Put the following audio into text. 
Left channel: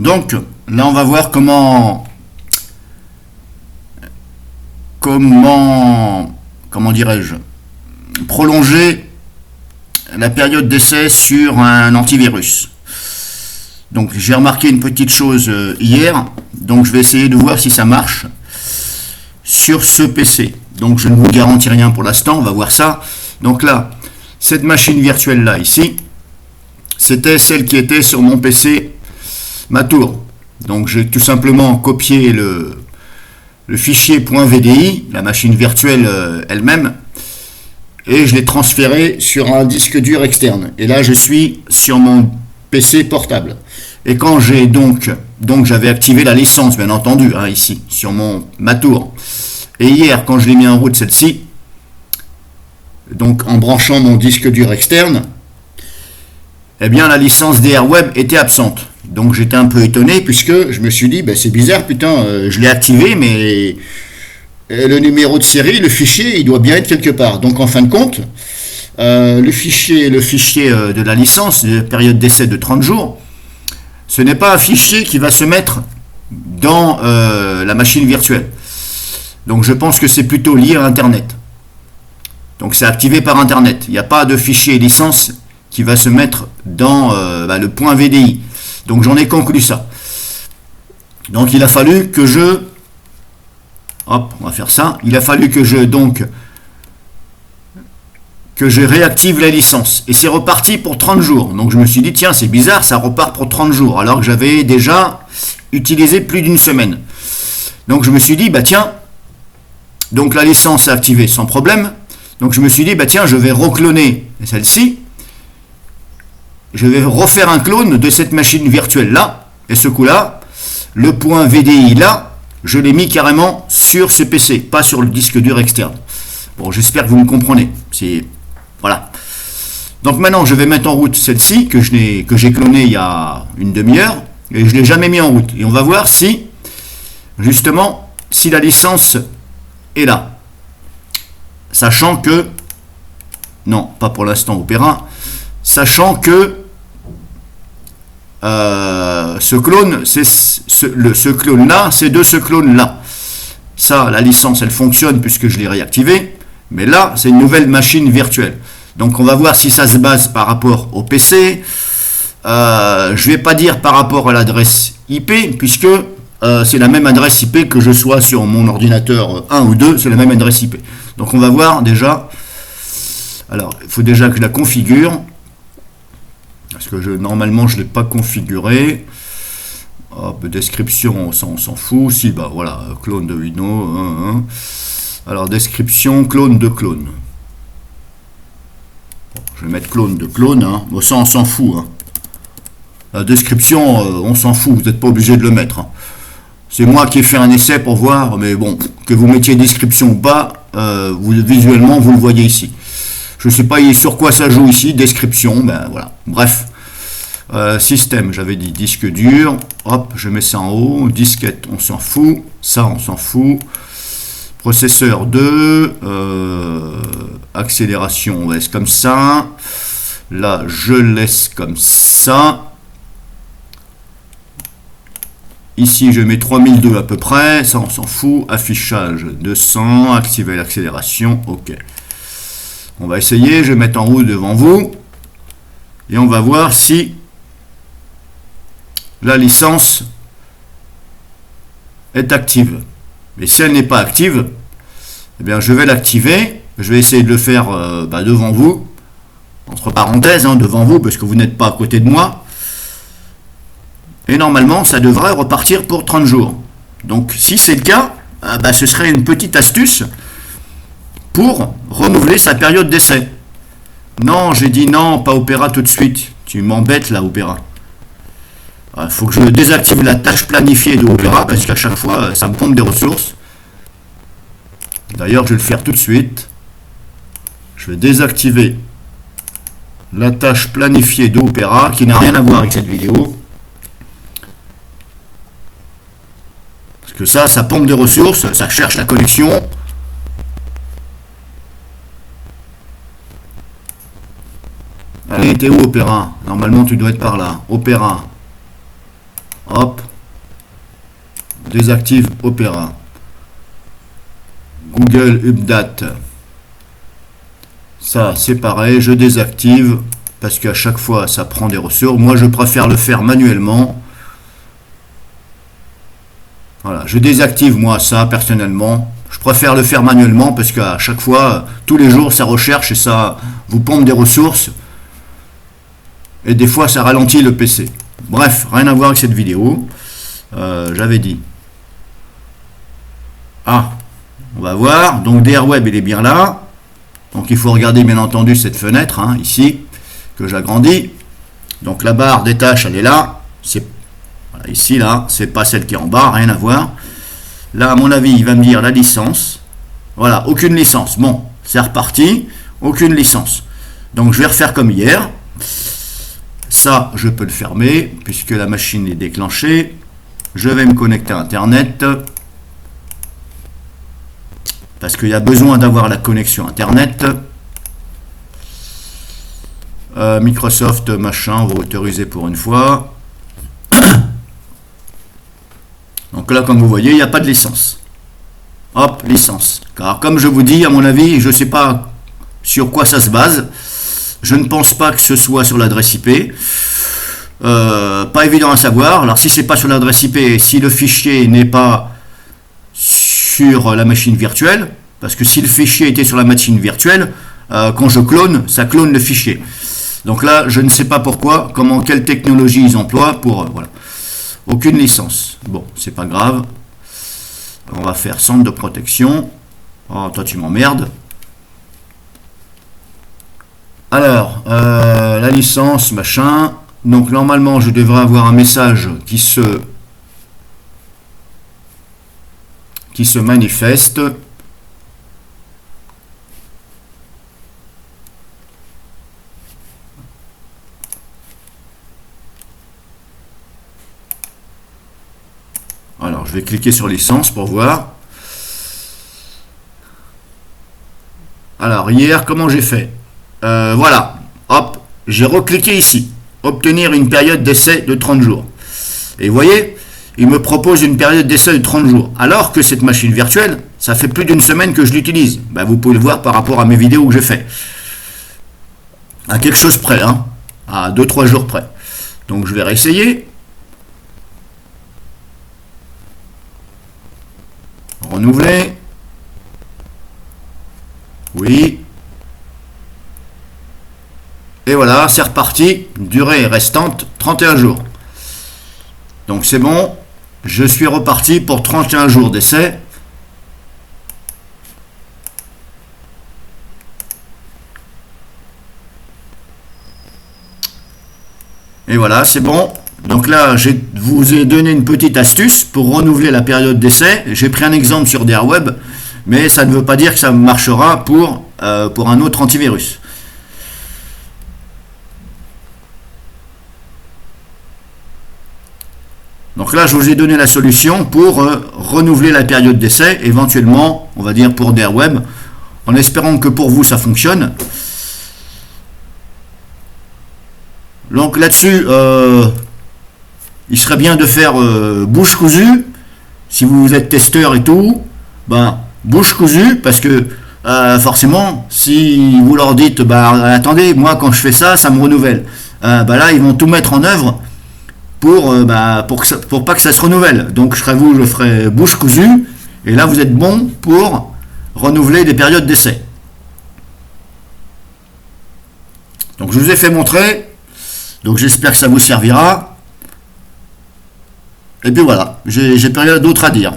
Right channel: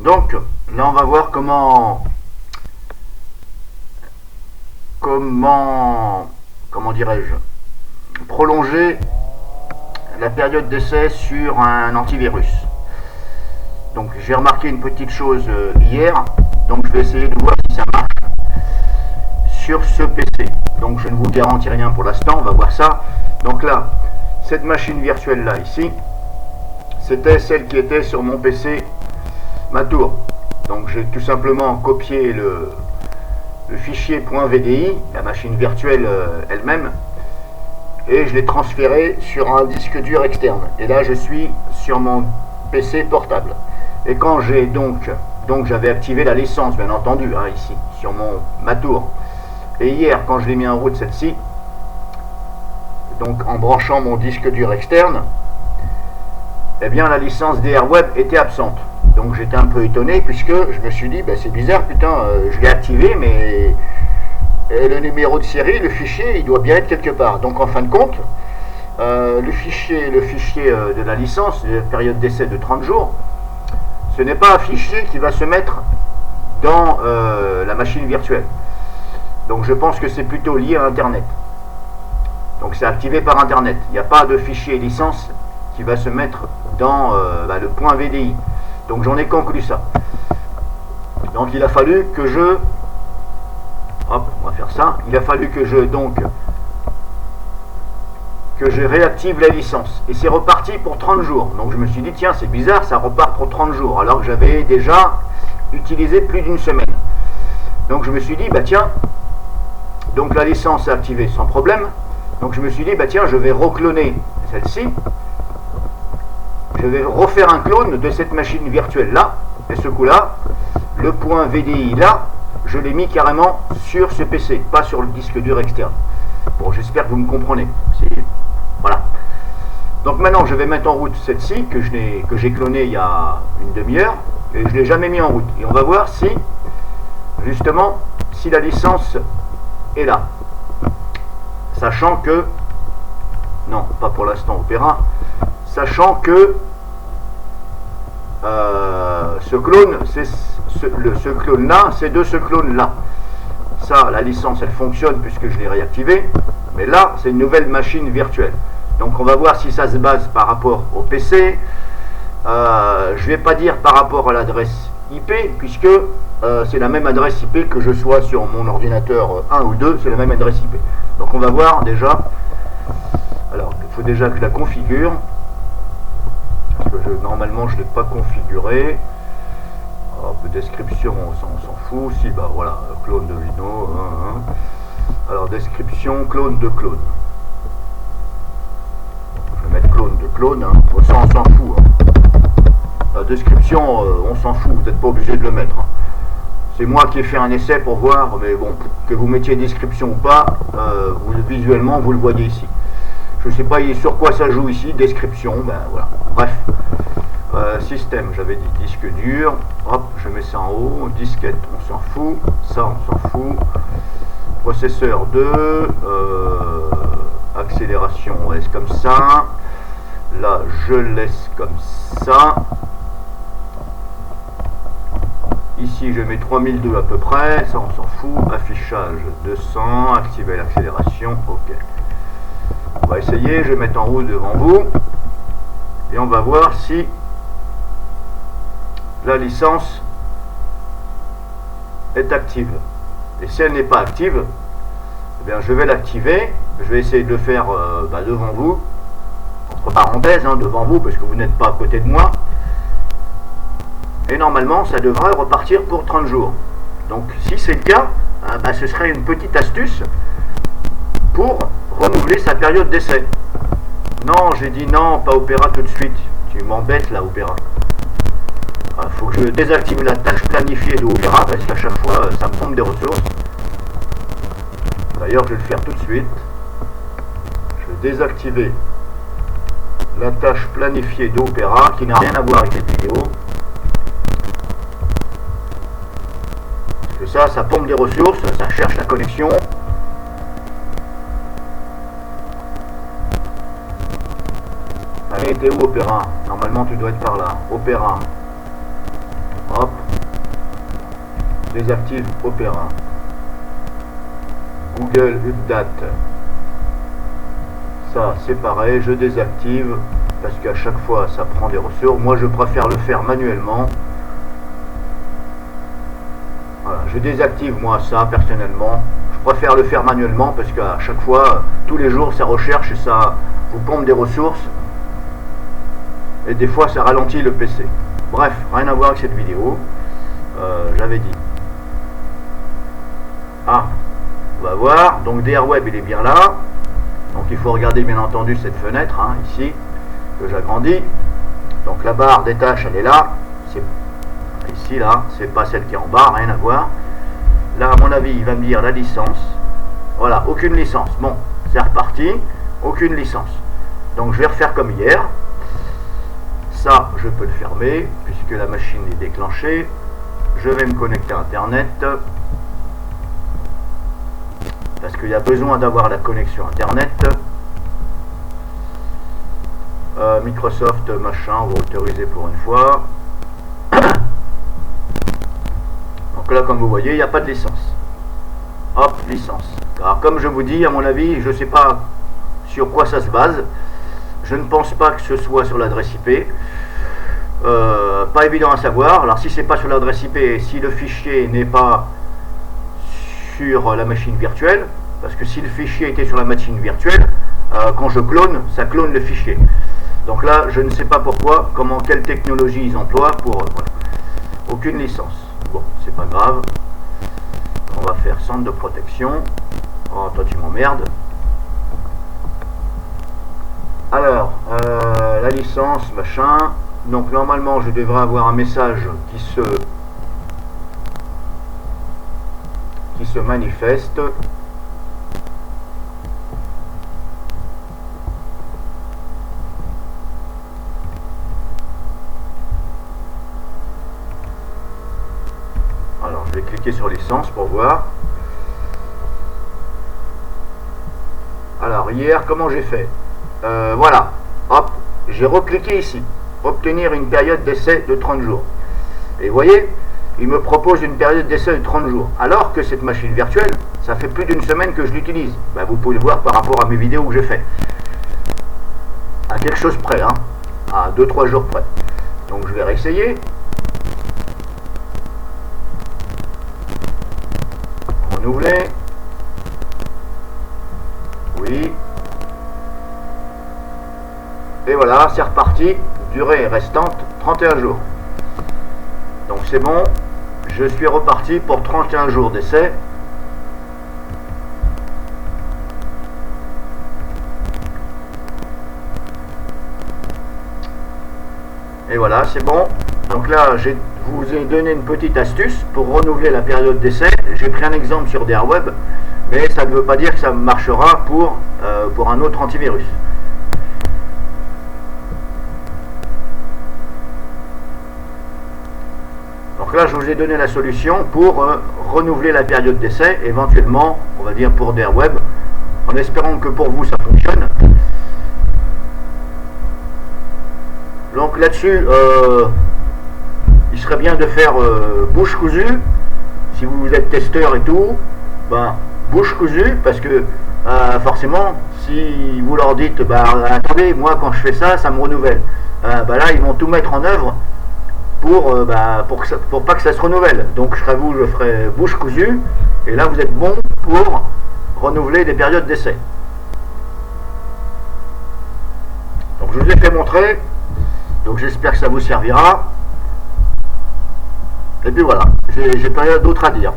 Donc là on va voir comment dirais-je, prolonger la période d'essai sur un antivirus. Donc j'ai remarqué une petite chose hier, donc je vais essayer de voir si ça marche sur ce PC. Donc je ne vous garantis rien pour l'instant, on va voir ça. Donc là, cette machine virtuelle là ici, c'était celle qui était sur mon PC Matour. Donc j'ai tout simplement copié le fichier .vdi, la machine virtuelle elle-même, et je l'ai transféré sur un disque dur externe. Et là je suis sur mon PC portable. Et quand j'ai donc j'avais activé la licence, bien entendu, hein, ici, sur mon Matour. Et hier, quand je l'ai mis en route celle-ci, donc en branchant mon disque dur externe, eh bien la licence DRWeb était absente. Donc j'étais un peu étonné puisque je me suis dit, c'est bizarre, putain, je l'ai activé, mais le numéro de série, le fichier, il doit bien être quelque part. Donc en fin de compte, le fichier de la licence, de période d'essai de 30 jours, ce n'est pas un fichier qui va se mettre dans la machine virtuelle. Donc je pense que c'est plutôt lié à Internet. Donc c'est activé par Internet. Il n'y a pas de fichier licence qui va se mettre dans le .vdi. Donc j'en ai conclu ça. Donc il a fallu que je... Hop, on va faire ça. Il a fallu que je réactive la licence. Et c'est reparti pour 30 jours. Donc je me suis dit, tiens, c'est bizarre, ça repart pour 30 jours. Alors que j'avais déjà utilisé plus d'une semaine. Donc je me suis dit, tiens, donc la licence est activée sans problème. Donc je me suis dit, tiens, je vais recloner celle-ci. Je vais refaire un clone de cette machine virtuelle là. Et ce coup-là, le .vdi là, je l'ai mis carrément sur ce PC, pas sur le disque dur externe. Bon, j'espère que vous me comprenez. Voilà. Donc maintenant, je vais mettre en route celle-ci que j'ai clonée il y a une demi-heure et je l'ai jamais mis en route. Et on va voir si, justement, si la licence est là. Sachant que, non, pas pour l'instant Opera, sachant que ce clone, ce clone-là, c'est de ce clone-là. Ça, la licence, elle fonctionne puisque je l'ai réactivée. Mais là, c'est une nouvelle machine virtuelle. Donc, on va voir si ça se base par rapport au PC. Je ne vais pas dire par rapport à l'adresse IP, puisque c'est la même adresse IP que je sois sur mon ordinateur 1 ou 2, c'est la même adresse IP. Donc, on va voir déjà. Alors, il faut déjà que je la configure. Parce que normalement, je ne l'ai pas configuré. Hop, description, on s'en fout. Si, voilà, clone de Windows. Alors, description, clone de clone. Je vais mettre clone de clone. Bon, ça, on s'en fout. La description, on s'en fout. Vous n'êtes pas obligé de le mettre. C'est moi qui ai fait un essai pour voir. Mais bon, que vous mettiez description ou pas, visuellement, vous le voyez ici. Je ne sais pas sur quoi ça joue ici. Description, voilà. Bref. Système, j'avais dit disque dur. Hop, je mets ça en haut. Disquette, on s'en fout. Ça, on s'en fout. Processeur 2. Accélération, on laisse comme ça. Là, je laisse comme ça. Ici, je mets 3002 à peu près. Ça, on s'en fout. Affichage 200. Activer l'accélération. OK. On va essayer. Je vais mettre en route devant vous. Et on va voir si la licence est active. Et si elle n'est pas active, eh bien, je vais l'activer. Je vais essayer de le faire devant vous. Entre parenthèses, devant vous, parce que vous n'êtes pas à côté de moi. Et normalement, ça devrait repartir pour 30 jours. Donc, si c'est le cas, ce serait une petite astuce pour renouveler sa période d'essai. Non, j'ai dit non, pas Opera tout de suite. Tu m'embêtes là, Opera. Il faut que je désactive la tâche planifiée de Opera, parce qu'à chaque fois, ça me pompe des ressources. D'ailleurs, je vais le faire tout de suite. Je vais désactiver la tâche planifiée de Opera, qui n'a rien à voir avec cette vidéo. Parce que ça pompe des ressources, ça cherche la connexion. Allez, t'es où Opera? Normalement tu dois être par là. Opera. hop, désactive Opera. Google Update, ça c'est pareil, je désactive parce qu'à chaque fois ça prend des ressources. Moi je préfère le faire manuellement. Voilà, je désactive moi ça personnellement. Je préfère le faire manuellement parce qu'à chaque fois, tous les jours, ça recherche et ça vous pompe des ressources. Et des fois, ça ralentit le PC. Bref, rien à voir avec cette vidéo. J'avais dit. Ah, on va voir. Donc, DRWeb, il est bien là. Donc, il faut regarder, bien entendu, cette fenêtre, hein, ici, que j'agrandis. Donc, la barre des tâches, elle est là. C'est ici, là. C'est pas celle qui est en bas, rien à voir. Là, à mon avis, il va me dire la licence. Voilà, aucune licence. Bon, c'est reparti. Aucune licence. Donc, je vais refaire comme hier. Ça, je peux le fermer, puisque la machine est déclenchée. Je vais me connecter à Internet. Parce qu'il y a besoin d'avoir la connexion Internet. Microsoft, machin, on va autoriser pour une fois. Donc là, comme vous voyez, il n'y a pas de licence. Hop, licence. Car comme je vous dis, à mon avis, je ne sais pas sur quoi ça se base. Je ne pense pas que ce soit sur l'adresse IP. Pas évident à savoir. Alors si c'est pas sur l'adresse IP, si le fichier n'est pas sur la machine virtuelle, parce que si le fichier était sur la machine virtuelle, quand je clone, ça clone le fichier. Donc là, je ne sais pas pourquoi, quelle technologie ils emploient pour... voilà. Aucune licence. Bon, c'est pas grave. On va faire centre de protection. Oh, toi tu m'emmerdes. Alors, la licence, machin. Donc normalement, je devrais avoir un message qui se manifeste. Alors, je vais cliquer sur licence pour voir. Alors, hier, comment j'ai fait? Voilà. Hop, j'ai recliqué ici. Obtenir une période d'essai de 30 jours. Et vous voyez, il me propose une période d'essai de 30 jours. Alors que cette machine virtuelle, ça fait plus d'une semaine que je l'utilise. Ben, vous pouvez le voir par rapport à mes vidéos que j'ai fait. À quelque chose près, hein. À 2-3 jours près. Donc, je vais réessayer. Renouveler. Oui. Et voilà, c'est reparti. Durée restante 31 jours. Donc c'est bon. Je suis reparti pour 31 jours d'essai. Et voilà, c'est bon. Donc là, je vous ai donné une petite astuce pour renouveler la période d'essai. J'ai pris un exemple sur DRWeb, mais ça ne veut pas dire que ça marchera pour un autre antivirus. Donc là, je vous ai donné la solution pour renouveler la période d'essai, éventuellement, on va dire pour DRWeb, en espérant que pour vous, ça fonctionne. Donc là-dessus, il serait bien de faire bouche cousue. Si vous êtes testeur et tout, ben, bouche cousue, parce que forcément, si vous leur dites, bah, attendez, moi quand je fais ça, ça me renouvelle. Bah là, ils vont tout mettre en œuvre pour pas que ça se renouvelle. Donc je ferai bouche cousue, et là vous êtes bon pour renouveler des périodes d'essai. Donc je vous ai fait montrer, donc j'espère que ça vous servira. Et puis voilà, j'ai pas rien d'autre à dire.